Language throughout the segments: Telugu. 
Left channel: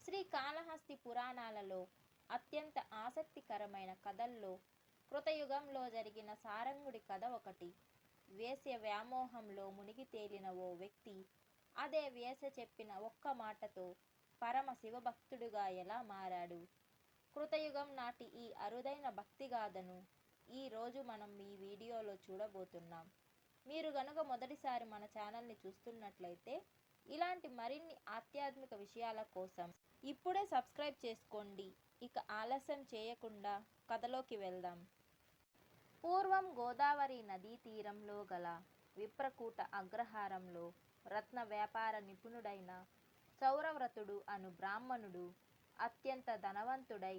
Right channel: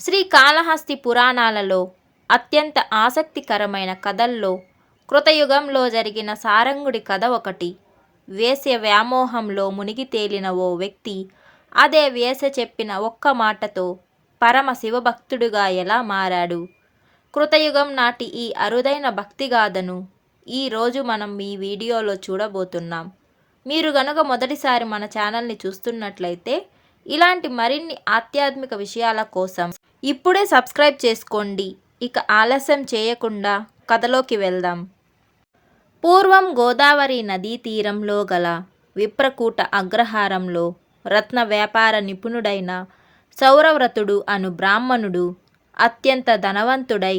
శ్రీకాళహస్తి పురాణాలలో అత్యంత ఆసక్తికరమైన కథల్లో కృతయుగంలో జరిగిన సారంగుడి కథ ఒకటి. వేశ్య వ్యామోహంలో మునిగి తేలిన ఓ వ్యక్తి అదే వేశ్య చెప్పిన ఒక్క మాటతో పరమ శివభక్తుడుగా ఎలా మారాడు? కృతయుగం నాటి ఈ అరుదైన భక్తిగాథను ఈరోజు మనం ఈ వీడియోలో చూడబోతున్నాం. మీరు గనుక మొదటిసారి మన ఛానల్ని చూస్తున్నట్లయితే ఇలాంటి మరిన్ని ఆధ్యాత్మిక విషయాల కోసం ఇప్పుడే సబ్స్క్రైబ్ చేసుకోండి. ఇక ఆలస్యం చేయకుండా కథలోకి వెళ్దాం. పూర్వం గోదావరి నదీ తీరంలో గల విప్రకూట అగ్రహారంలో రత్న వ్యాపార నిపుణుడైన సౌరవ్రతుడు అను బ్రాహ్మణుడు అత్యంత ధనవంతుడై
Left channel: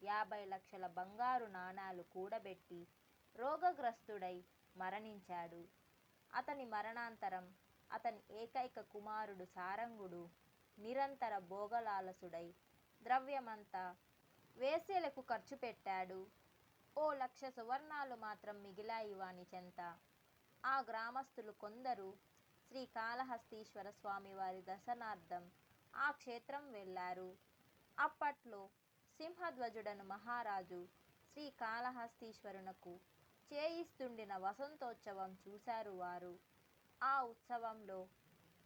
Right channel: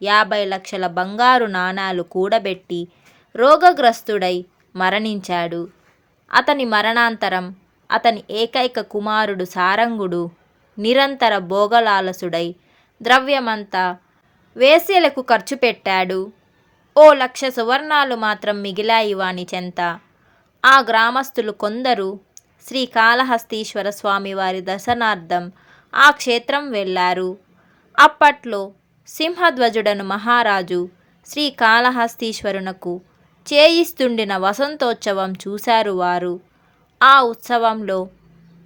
50 లక్షల బంగారు నాణాలు కూడబెట్టి రోగగ్రస్తుడై మరణించాడు. అతని మరణాంతరం అతని ఏకైక కుమారుడు సారంగుడు నిరంతర భోగలాలసుడై ద్రవ్యమంతా వేశ్యలకు ఖర్చు పెట్టాడు. 1,00,000 సువర్ణాలు మాత్రం మిగిలాయి వాని చెంత. ఆ గ్రామస్తులు కొందరు శ్రీకాళహస్తీశ్వర స్వామివారి దర్శనార్థం ఆ క్షేత్రం వెళ్ళారు. అప్పట్లో సింహధ్వజుడను మహారాజు శ్రీకాళహస్తీశ్వరునకు చేయిస్తుండిన వసంతోత్సవం చూశారు వారు. ఆ ఉత్సవంలో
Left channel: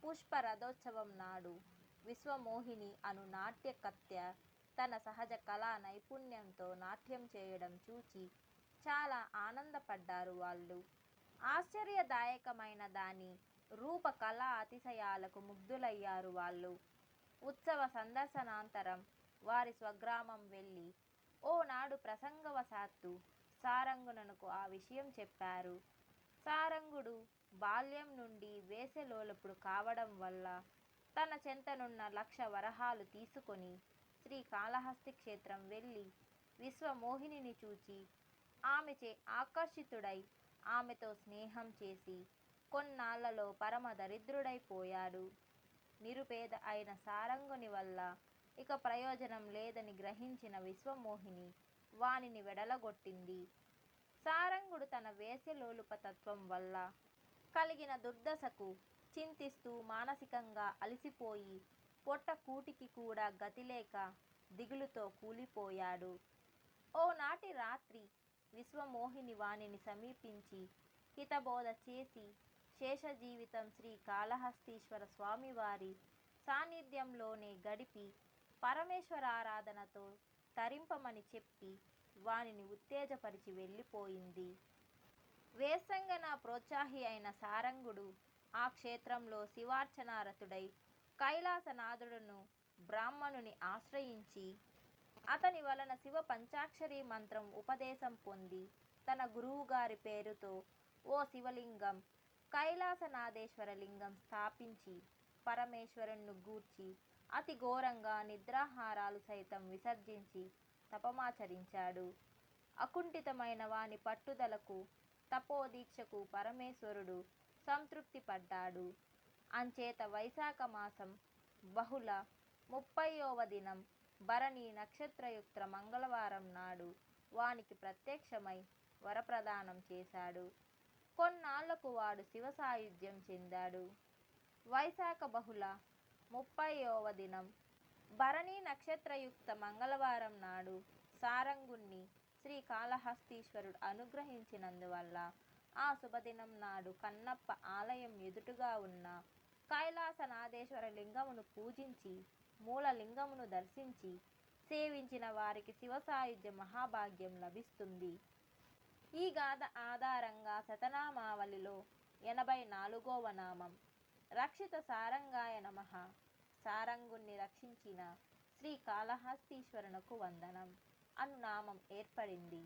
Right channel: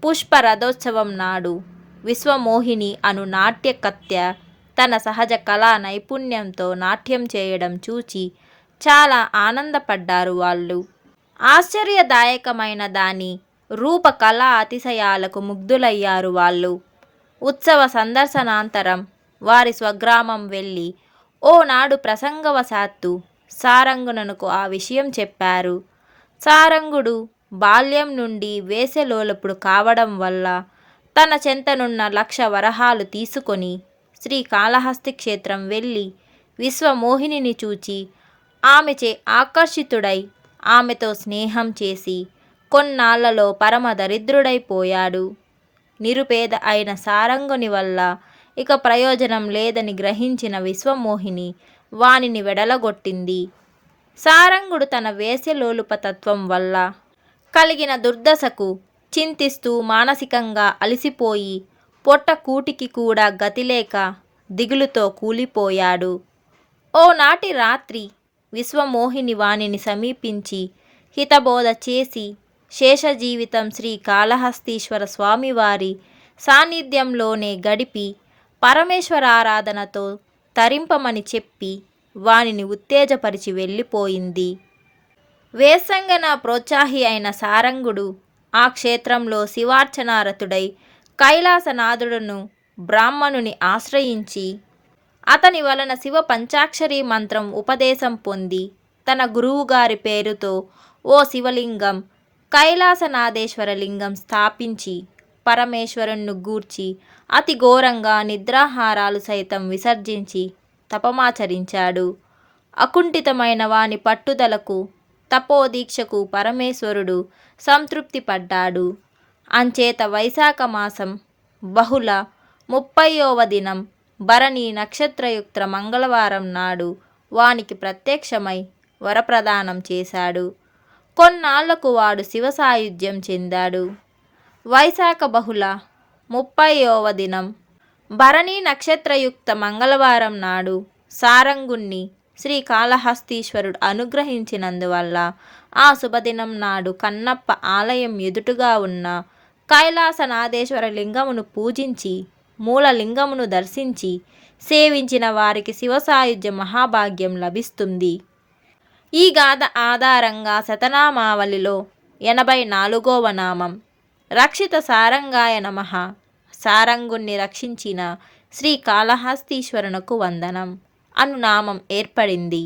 పుష్పరథోత్సవం నాడు విశ్వమోహిని అను నాట్యకత్య తన సహజ కళా నైపుణ్యంతో నాట్యం చేయడం చూచి చాలా ఆనందపడ్డారు వాళ్ళు. ఆశ్చర్యదాయకమైన దాని రూప కళా అతిశయాలకు ముగ్ధులయ్యారు వాళ్ళు. ఉత్సవ సందర్శనాంతరం వారి స్వగ్రామం వెళ్ళి ఓనాడు ప్రసంగవశాత్తు సారంగునకు ఆ విషయం చెప్పారు. సారంగుడు బాల్యం నుండి వేశ్యలోలుపుడు కావడం వల్ల తన చెంతనున్న 1,00,000 వరహాలు తీసుకొని శ్రీకాళహస్తి క్షేత్రం వెళ్ళి విశ్వమోహినిని చూచి ఆమెచే ఆకర్షితుడై ఆమెతో స్నేహం చేసి కొన్నాళ్లలో పరమ దరిద్రుడైపోయాడు. నిరుపేద అయిన సారంగుని వల్ల ఇక ప్రయోజనం లేదని గ్రహించిన విశ్వమోహిని వానిని వెడలగొట్టింది. సారంగుడు తన వేశ్యలోలుపతత్వం వల్ల కలిగిన దుర్దశకు చింతిస్తూ మానసికంగా అలసిపోయి పొట్ట కూటికి కూడా గతిలేక దిగులుతో కూలిపోయాడు. ఓనాటి రాత్రి విశ్వమోహిని వానిని సమీపించి హితబోధ చేసి శేషజీవితం శ్రీకాళహస్తీశ్వర స్వామివారి సాన్నిధ్యంలోనే గడిపి పరమేశ్వరారాధనతో తరింపమని చెప్పి వానిని ఉత్తేజపరిచి వెళ్ళిపోయింది. వేశ్యంగన ప్రోత్సాహి అయిన సారంగుడు ఆ క్షేత్రంలో శివార్చనారతుడై కైలాసనాథుడును బ్రాహ్మణుని ఆశ్రయించి అతని వలన శివ పంచాక్షరీ మంత్రం ఉపదేశం పొంది తన గురువుగారి పేరుతో ఓ శివలింగం, కైలాసనాథేశ్వర లింగం స్థాపించి పరమేశ్వరుణ్ణి గూర్చి అతి ఘోరంగా నిద్రాహారాలు సైతం విసర్జించి తపమాచరించాడు. అకుంఠితమైన వాని పట్టుదలకు తపోదీక్షకు పరమేశ్వరుడు సంతృప్తి పడ్డాడు. అంచేత వైశాఖ మాసం బహుళ 30వ దినం భరణి నక్షత్రయుక్త మంగళవారం నాడు వానికి ప్రత్యక్షమై వరప్రదానం చేశాడు. కొన్నాళ్లకు వాడు శివ సాయుధ్యం చెందాడు. వైశాఖ బహుళ 30వ దినం భరణి నక్షత్రయుక్త మంగళవారం నాడు సారంగుణ్ణి శ్రీకాళహస్తీశ్వరుడు అనుగ్రహించినందువల్ల ఆ శుభదినం నాడు కన్నప్ప ఆలయం ఎదుటుగా ఉన్న కైలాసనాథేశ్వర లింగమును పూజించి మూలలింగమును దర్శించి సేవించిన వారికి శివసాయుధ్య మహాభాగ్యం లభిస్తుంది. ఈ గాథ ఆధారంగా శతనామావళిలో 84వ నామం రక్షిత సారంగాయ నమః, సారంగుణ్ణి రక్షించిన శ్రీకాళహస్తీశ్వరునకు వందనం అను నామం ఏర్పడింది.